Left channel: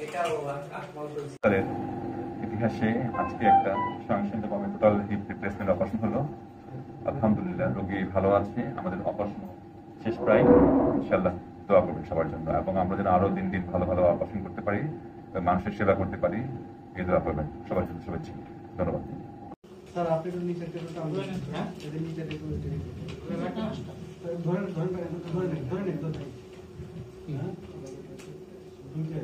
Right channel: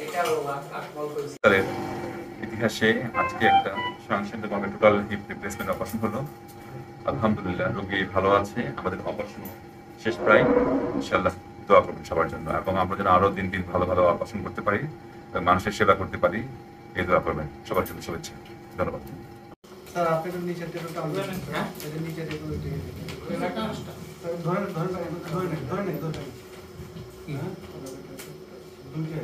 হাসপাতালের ইতিহাসে আজকে একটা স্বয়ংসম্পূর্ণভাবে টোটাল হিপ রিপ্লেসমেন্ট অপারেশন হলো। আলহামদুলিল্লাহ, রোগী ভালো আছে। আমাদের অপারেশন শেষ প্রায়। ইনশাআল্লাহ দোয়া করবেন সবার জন্য, এবং আমরা যেন আরো দিন দিন ভালো ভালো অপারেশন করতে পারি এবং মানুষের সেবা করতে পারি, এই দোয়া করবেন। সবার জন্য শুভেচ্ছা। ধন্যবাদ। স্যার আপনি একটু নিচে একটু টান দেন। হ্যাঁ এর নিচে একটু ধরে কি দুইটা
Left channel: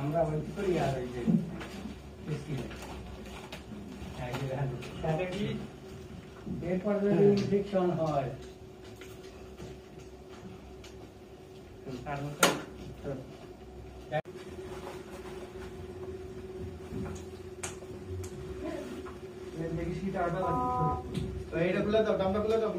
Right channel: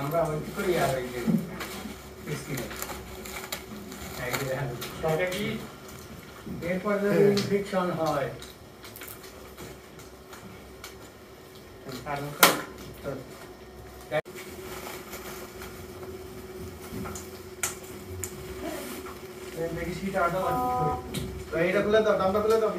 আমরা ওই করি আর এই যে কি এরপর যদি ইনফেকশন হয় দেখি সিট আটা লাগবে। এইটা খুলে দাও, দামটা খুলে দাও।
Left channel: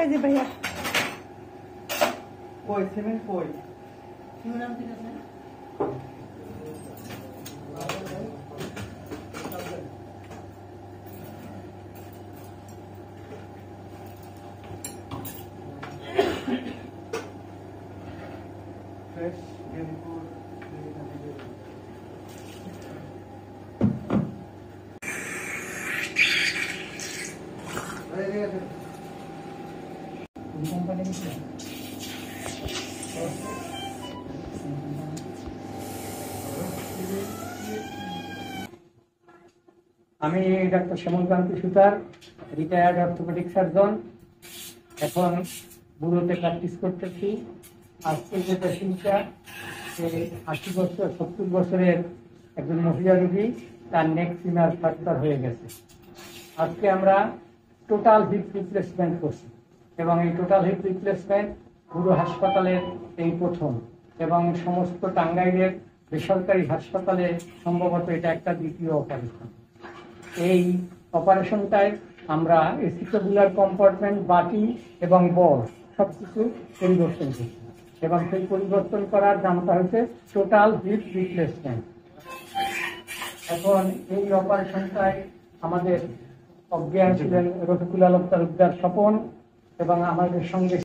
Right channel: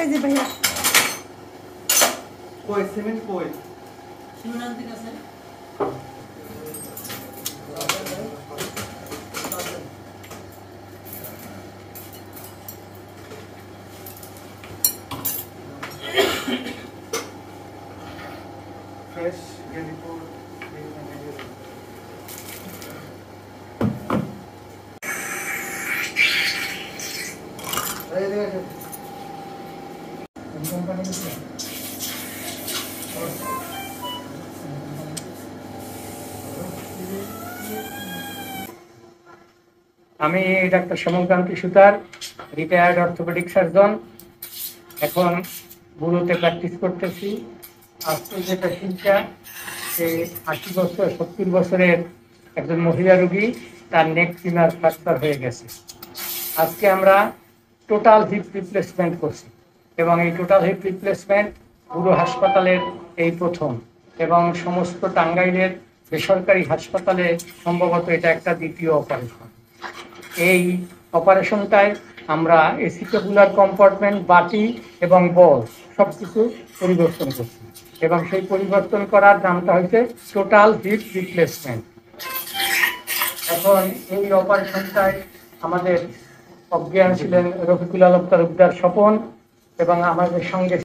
এই যে ভাইয়া কই সিমেন্ট কই ফ্রেশ গেলিপুর আমি ডাক্তার সমরকান্তি সুতার, রিটায়ার্ড অর্থোপেডিক সার্জন। এখন বুড়োতে প্র্যাকটিস করতেছি। আজকে যে পেশেন্টটা, সে 80 বছর 70 বছরের একজন মহিলা রোগী, তার নেক ফিমার ফ্র্যাকচার হয়ে গেছে। আজকে আমরা টোটাল হিপ রিপ্লেসমেন্ট করছি, এবং এই টোটাল হিপ রিপ্লেসমেন্ট বুড়ো হাসপাতালের এই প্রথম, এবং সমস্ত টাঙ্গাইলের বেসরকারি হাসপাতালে সম্ভবত এটা একটা দ্বিতীয় অপারেশন। এই অপারেশনটায় আমরা এসিকেবুলার কম্পার্টমেন্ট, বাটি এবং বল সব কিছু পরিবর্তন করছি, এবং সেই পরিবর্তন করার নামটা হচ্ছে টোটাল হিপ রিপ্লেসমেন্ট। এখন এই অপারেশনটায় আমাদের অজ্ঞান ছিলেন রফিকুল আলম তালুকদার স্বপন, এবং আমাদের সঙ্গে